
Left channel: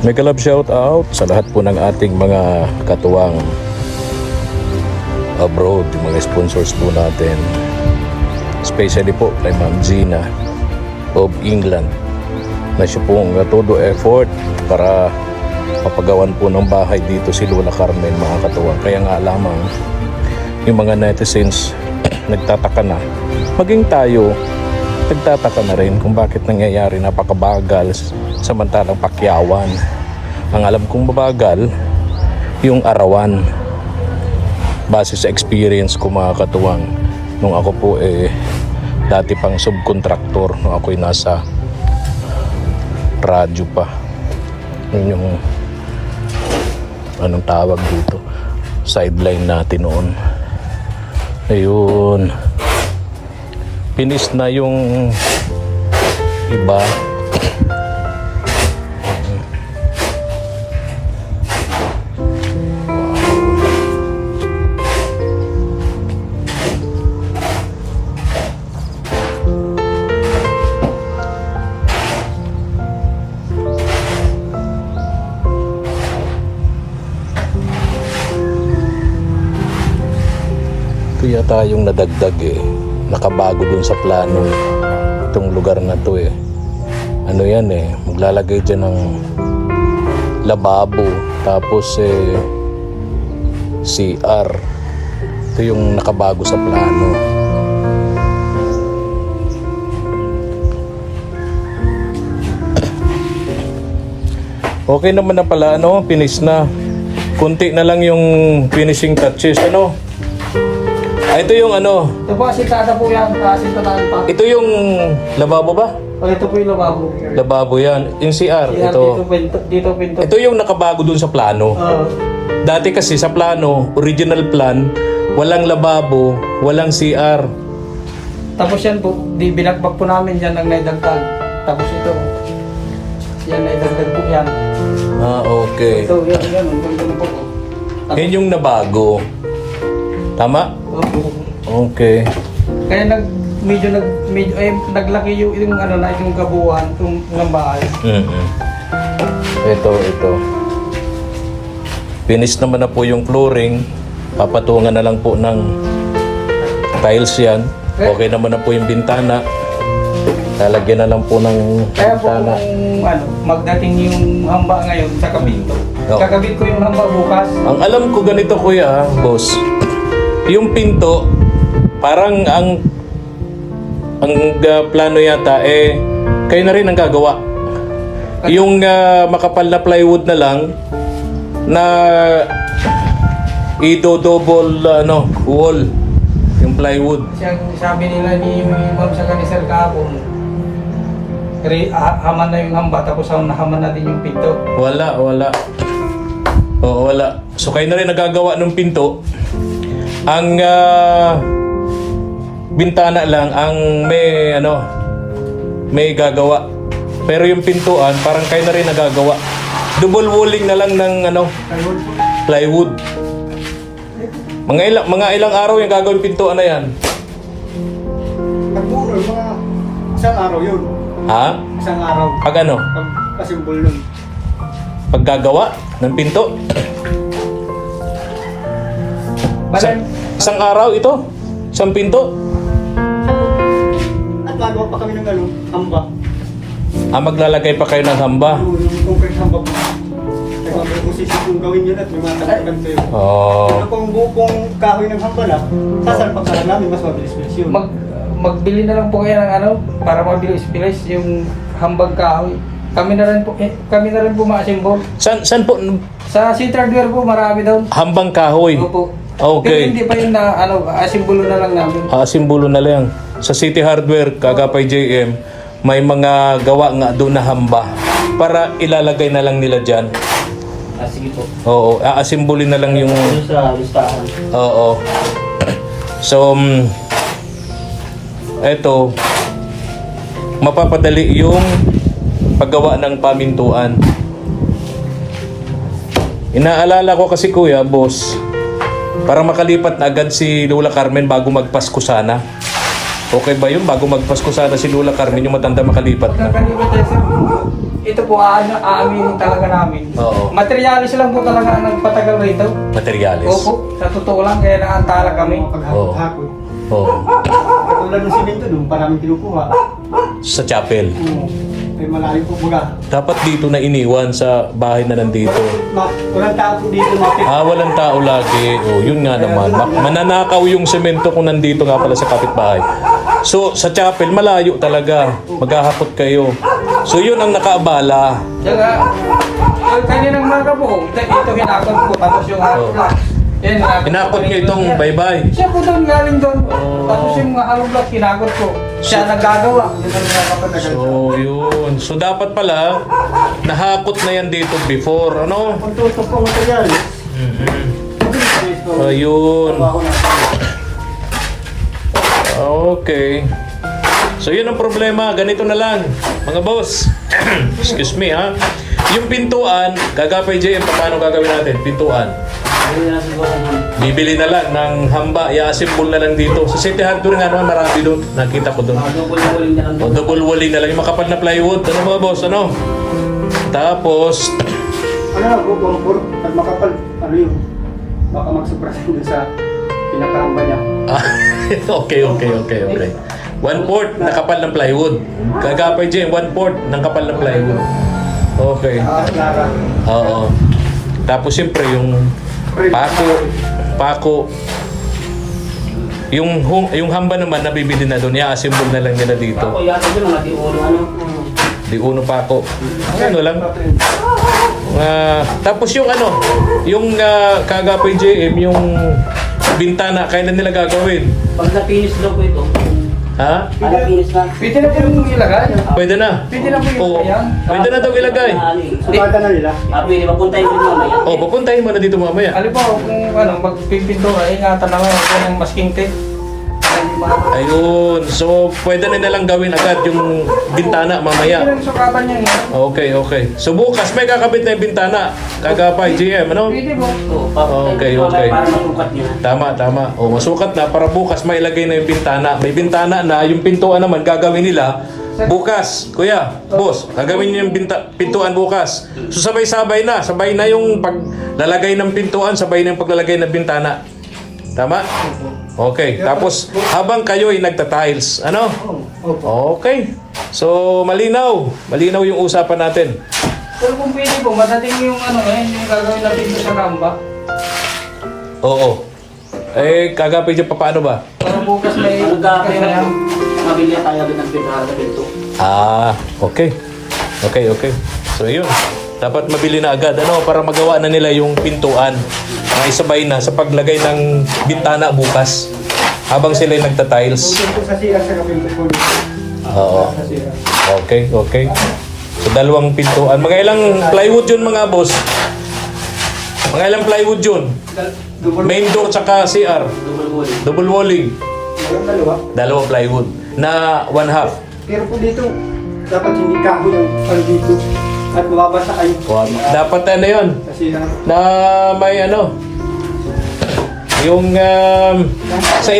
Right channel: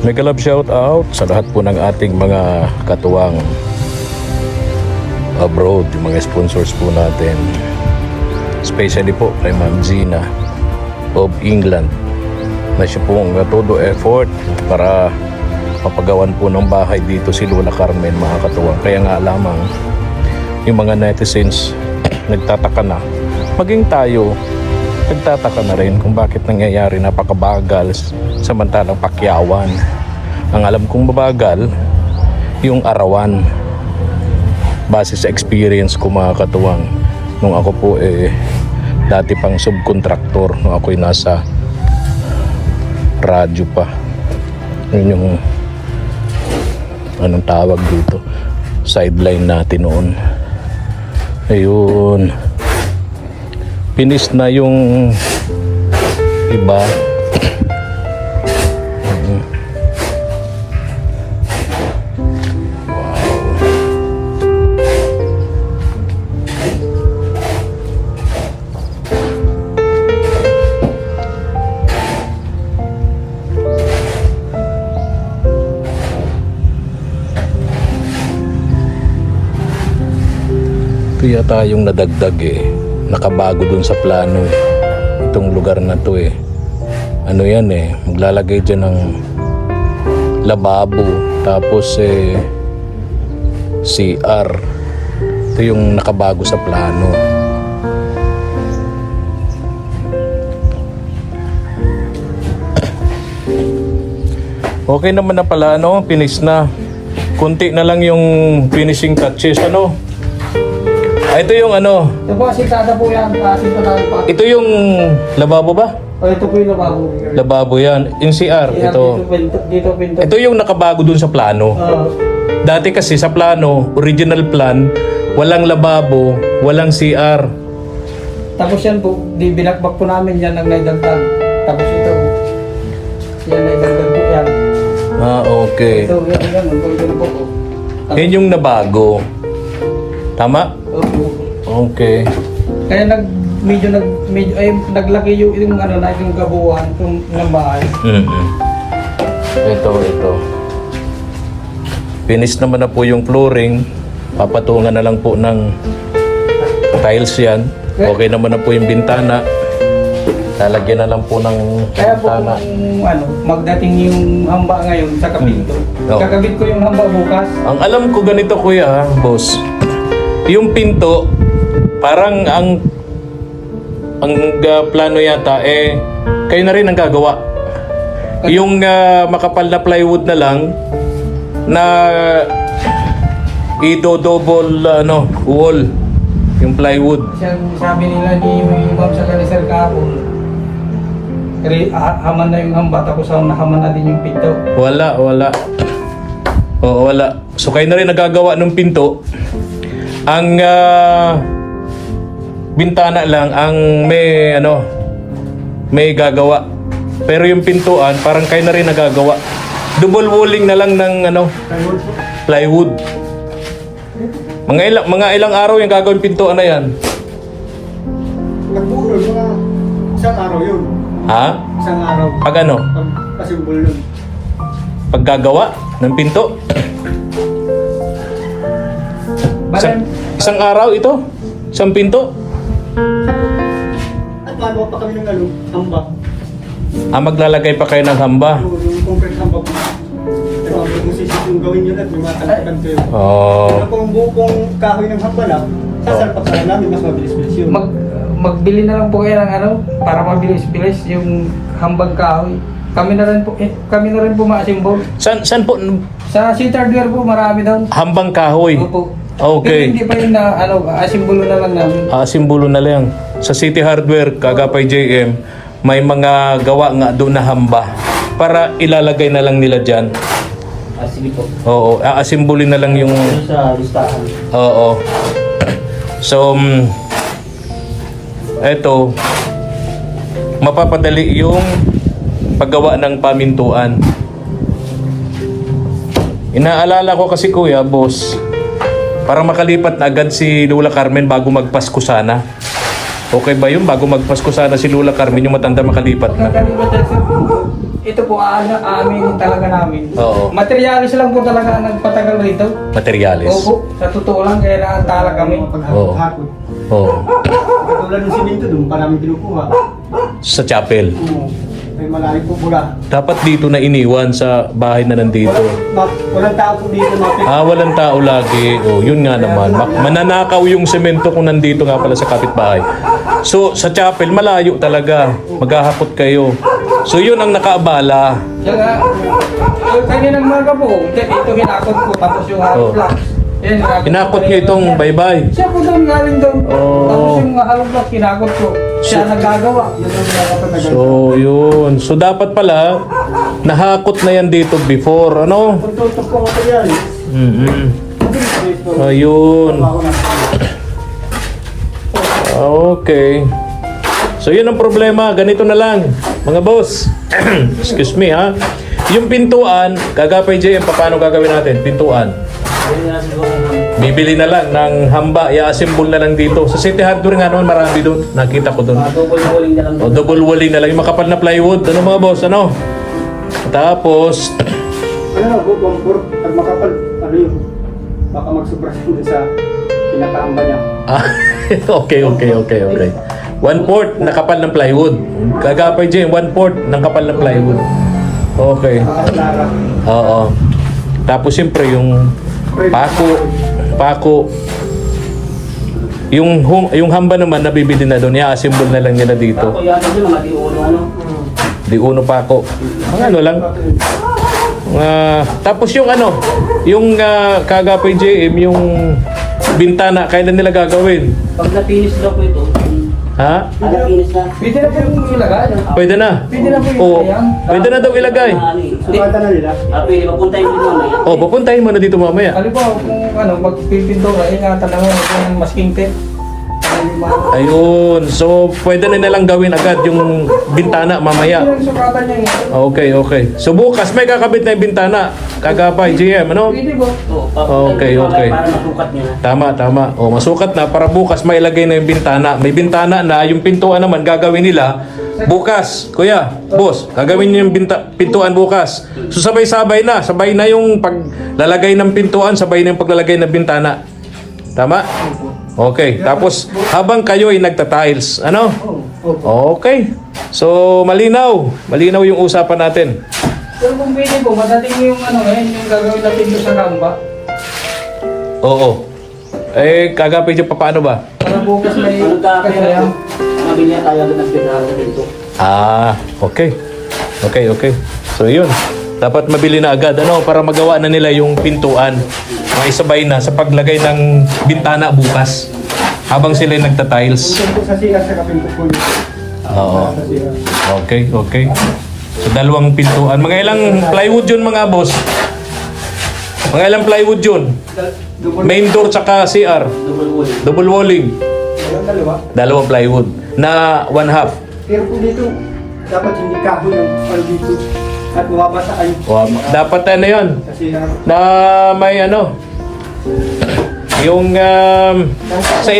Mega love shout out sa lahat po ng ating mga katuwang abroad, yung mga sponsors po natin, especially po kay Ma'am Gina of England na siya pong todo effort para mapagawan po ng bahay dito si Lola Carmen, mga katuwang. Kaya nga lamang yung mga netizens nagtataka na, maging tayo nagtataka na rin kung bakit nangyayari napakabagal samantalang pakyawan. Ang alam kong mabagal yung arawan base sa experience ko, mga katuwang, nung ako po dati pang subcontractor, nung ako'y nasa radyo pa. Yun yung anong tawag dito, sideline natin noon. Ayun, finish na yung iba. Kaya tayong nadagdag nakabago dun sa plano itong lugar na to ano yan maglalagay dyan ng lababo tapos CR. Ito yung nakabago sa plano. Okay naman na pala, finish na. Kunti na lang yung finishing touches, ito yung Ito po, asintada po yan. Asintada pa. ito yung lababo ba? ito po yung lababo. Lababo yan. Yung CR, ito. Dito pinto. Ito yung nakabago dun sa plano. Dati kasi sa plano, original plan, walang lababo, walang CR. Tapos yan po, binakbak po namin yan ang naidagdag. Tapos ito, yan naidagdag po yan. Ah, okay. Ito, yan, ito po. Yan yung nabago. Tama? Opo. Okay. Kaya medyo naglaki yung ano na yung gabuhan ng bahay. Mm-hmm. Ito. Finish naman na po yung flooring. Papatungan na lang po ng tiles yan. Okay naman na po yung bintana. Lalagyan na lang po ng Kaya po bintana. kung ano, magdating yung hamba ngayon sa kapinto. Oo. Kakabit ko yung hamba bukas. Ang alam ko ganito kuya, boss. Yung pinto, parang ang plano yata kayo na rin ang gagawa. Yung makapal na plywood na lang na double wall yung plywood. Siyang sabi nila ni Ma'am sa kanisal kahapon, haman na yung hamba tapos nahaman na din yung pinto. Wala. Oo, wala. So kayo na rin nagagawa ng pinto. Ang bintana lang ang may gagawa. Pero yung pintuan, parang kayo na rin nagagawa. Double walling na lang ng plywood. Mga ilang araw yung gagawin pintuan na yan. Nagbuno, mga isang araw yun. Ha? Isang araw. Pag ano? Kasimbol nun. Paggagawa ng pinto? Isang araw ito? Isang pinto? At magawa pa kami ng hamba. Maglalagay pa kayo ng hamba. Yung concrete hamba po. Nagpapagpusisi kung gawin yun at may matalagan kayo. Oh. Kung buong kahoy ng hamba lang, sasalpak sa namin, mas mabilis-bilis yun. Magbili na lang po kayo ng para mabilis-bilis yung hambang kahoy. Kami na rin po ma-assemble. Saan po? Sa City Hardware po marami doon. Hambang kahoy. Opo. Okay. Pero hindi pa yun na asimbolo na lang namin. Simbolo na lang. Sa City Hardware, Kagapay JM, may mga gawa nga doon na hamba para ilalagay na lang nila dyan. Sige po. Oo, aasimbolin na lang yung... Ano sa listahan? Oo. So, eto, mapapadali yung paggawa ng pamintuan. Inaalala ko kasi kuya, boss, para makalipat na agad si Lola Carmen bago magpasko sana. Okay ba yun? Bago magpasko sana si Lola Carmen, yung matanda makalipat na. Kakalibat yan, sir. Ito po, aaminin talaga namin. Oo. Materialis lang po talaga ang nagpatagal rito. Materialis. Opo, sa totoo lang, kaya naantala kami. Paghapon-hapon. Oo. Katulad ng simento doon, parang kinukuha. Sa chapel. Oo. Ay malalim po baga. Dapat dito na iniwan sa bahay na nandito. Walang tao po dito, mapit. Walang tao lagi. Oh, yun nga naman. Mananakaw yung semento kung nandito nga pala sa kapitbahay. So, sa chapel, malayo talaga. Maghahakot kayo. So, yun ang nakaabala. Saka, kaninang maga po, ito hinakot ko, tapos yung hollow blocks. Yan, Hinakot nyo itong baybay. Siya po doon galing doon. Oh. Tapos yung hollow blocks, hinakot ko. Siya nagagawa. Yun ang nakapatagal. So, yun. So, dapat pala, nahakot na yan dito before. Ano? Kung tutok po material, Mm-hmm. Ayun. Okay. So, yun ang problema. Ganito na lang. Mga boss. Excuse me, ha? Yung pintuan, Kagapay JM, paano gagawin natin? Pintuan. Bibili na lang ng hamba, i-assemble na lang dito. Sa City Hardware nga naman, marami doon. Nakita ko doon. Double walling na lang. O, double walling na lang. Yung makapal na plywood. Ano mga boss? Ano? Tapos, gumpur, pag makapal, baka magsubra sa pinakaamba niya. okay. 1/4 na kapal ng plywood. Kagapay dyan, 1/4 ng kapal ng plywood. Okay. Nakaklara. Oo. Tapos siyempre yung pako. Yung hamba naman nabibili na doon, i-assemble na lang nila dito. Ako yata dun, mga di-uno, Di uno pako. Ang ano lang. Tapos yung Kagapay JM, yung bintana, kailan nila gagawin? Pag na-finish daw po ito, Ha? Anak inis na. Pwede na po yung ilagay. Pwede na? Pwede na po yung Oo. ilagay. Pwede na daw ilagay. Sukatan na nila. Pwede mapuntahin din mamaya. O, pupuntahin mo na dito mamaya. Alam po, kung magpipintura, ingatan lang ako kung ang masking tape. Ayun. So, pwede na nilang gawin agad yung bintana mamaya. Pwede lang sukatan niya. Okay, okay. So, bukas may kakabit na yung bintana. Kagapay, GM, ano? Pwede po. Oo, papuntahin Okay, din mamaya okay. para masukat niya. Tama, tama. O, masukat na para bukas may ilagay na yung bintana. May bintana na, yung pintuan naman gagawin nila bukas. Kuya, boss, gagawin niyo yung pintuan bukas. So, sabay-sabay na. Sabay na yung paglalagay ng pintuan, sabay na yung paglalagay ng bintana. Tama? Okay. Tapos, habang kayo ay nagta-tiles, ano? Okay. So, malinaw. Malinaw yung usapan natin. Pero kung pwede po, madating yung ngayon, yung gagawin natin doon sa ramba. Oo. Eh, kagapay dyan pa paano ba? Para bukas may Ano ka kaya kasaya. mabili na tayo agad ng pintahan sa pinto. Ah, okay. Okay, okay. So, yun. Dapat mabili na agad, ano, para magawa na nila yung pintuan. Maisabay na sa paglagay ng bintana bukas. Habang sila nagta-tiles. Pinto sa sira sa kapinto po nito. Oo. Sa sira. Okay, okay. So, dalawang pintuan. Mga ilang plywood yun, mga boss? Mga ilang plywood yun? Main door tsaka CR. Double wall. Double walling. Walang dalawa. Dalawang plywood. Na 1/2. Pero po dito, dapat hindi kahoy ang pang dito. At mababasa kayo. Wow. Dapat ano yun? Kasi Na may ano? Yung sa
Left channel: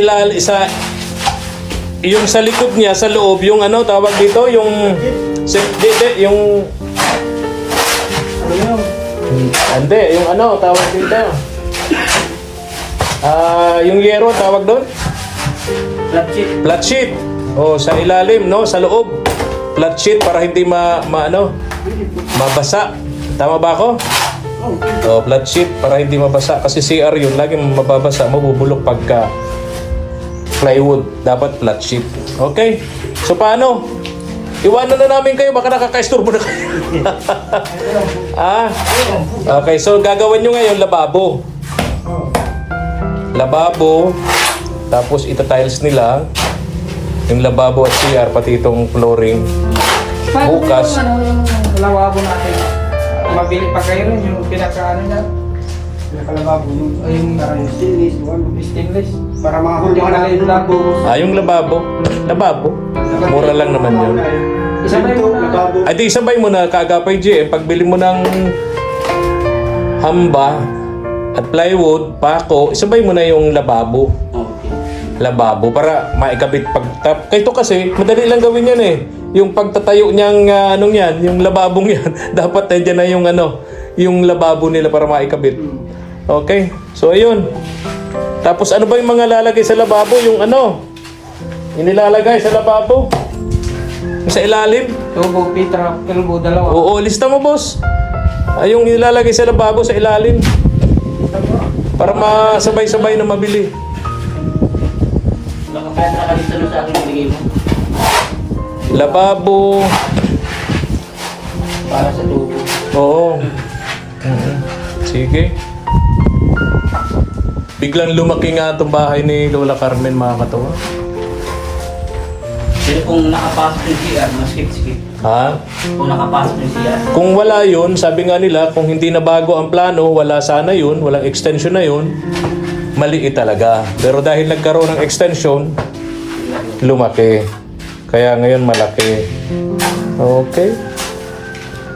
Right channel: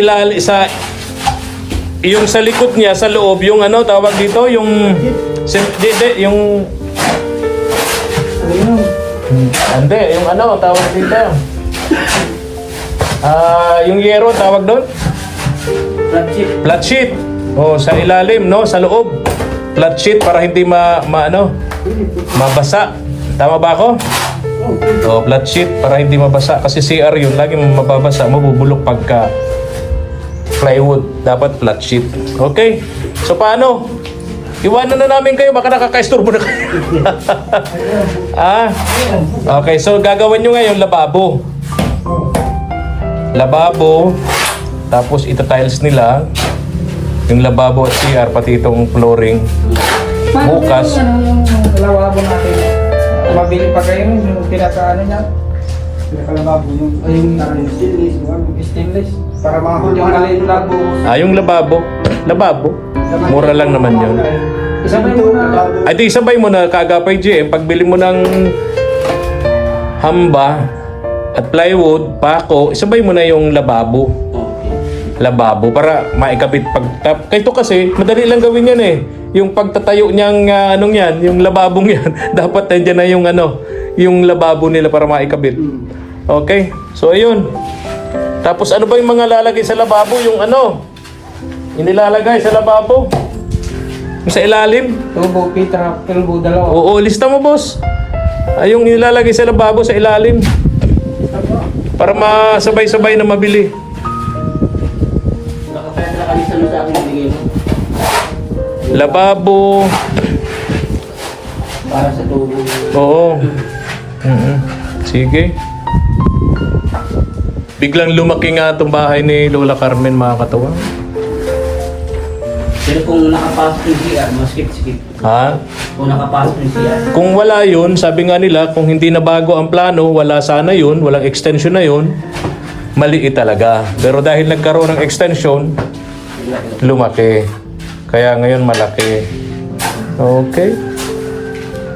yung sa likod niya, sa loob, yung ano, tawag dito, yung yung ano yun? hindi, yung ano, tawag dito. Yung yero, tawag doon? Flat sheet. Flat sheet. Oh, sa ilalim, no? Sa loob. Flat sheet para hindi mabasa. Tama ba ako? Oh, flat sheet para hindi mabasa. Kasi CR yun, laging mababasa, mabubulok pagka plywood. Dapat flat sheet. Okay? So, paano? Iwanan na namin kayo, baka nakaka-istorbo na kayo. Okay, so gagawin nyo ngayon lababo. Lababo, tapos ita-tiles nila yung lababo at CR, pati itong flooring. Paano Bukas. yung lawabo natin? Mabili pa kayo rin yung pinaka-ano niya? Nakalababo yung Ayun, parang stainless, yung stainless. para mga Yung hulungan alin labo. Yung lababo. Lababo. Mura lang naman yun. Isabay mo na. Ay, di sabay mo na kagapay GM. Pagbili mo ng hamba at plywood, pako, isabay mo na yung lababo. Okay. Lababo para maikabit Kito kasi, madali lang gawin yan eh. Yung pagtatayo niyang, anong yan, yung lababong yan, dapat nandiyan na yung yung lababo nila para maikabit. Okay? So, ayun. Tapos, ano ba yung mga lalagay sa lababo? Yung yung nilalagay sa lababo? Yung sa ilalim? Tubo, pitra, kilbo, dalawa. Oo, lista mo, boss. Ay, yung nilalagay sa lababo sa ilalim. Para masabay-sabay na mabili. Baka pwede nakalista mo sa akin ibigay mo. Lababo. Para sa tubo. Oo. Sige. Biglang lumaki nga itong bahay ni Lola Carmen, mga katawa. Pero kung nakapasok yung CR, maskip-skip. Ha? Kung nakapasok yung CR. Kung wala yun, sabi nga nila, kung hindi na bago ang plano, wala sana yun, walang extension na yun, maliit talaga. Pero dahil nagkaroon ng extension, lumaki. Kaya ngayon malaki. Okay.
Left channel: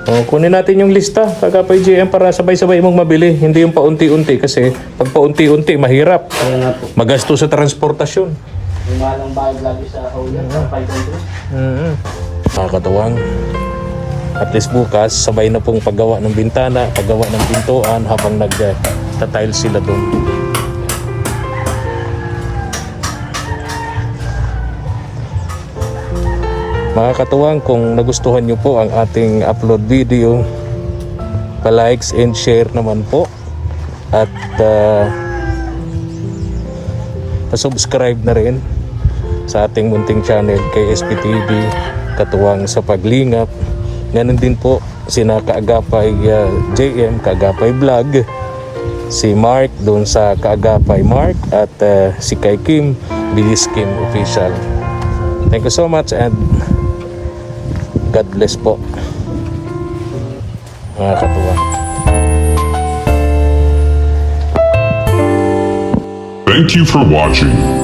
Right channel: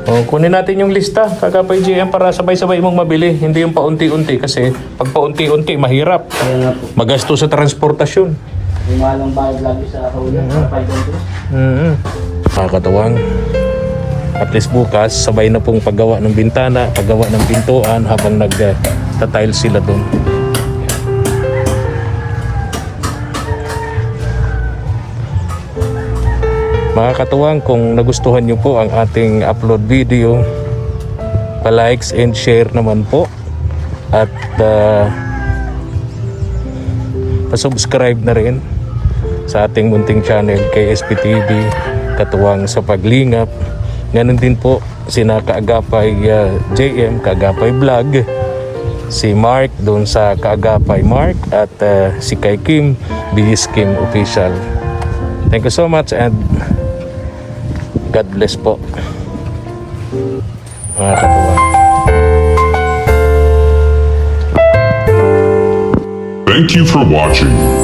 O, kunin natin yung lista, Kagapay GM, para sabay-sabay mong mabili. Hindi yung paunti-unti kasi pag paunti-unti, mahirap. Kaya nga po. Magastos sa transportasyon. Yung malang bayad lagi sa huli. Sa 500. Mga katawang, at least bukas, sabay na pong paggawa ng bintana, paggawa ng pintuan habang nag-tile sila doon. Mga katuwang, kung nagustuhan nyo po ang ating upload video, pa-likes and share naman po. At pa-subscribe na rin sa ating munting channel kay SPTV, Katuwang sa Paglingap. Ganun din po sina Kaagapay JM, Kaagapay Vlog, si Mark doon sa Kaagapay Mark, at si Kay Kim, Bilis Kim Official. Thank you so much and God bless po. Mga katuwang. Thank you for watching.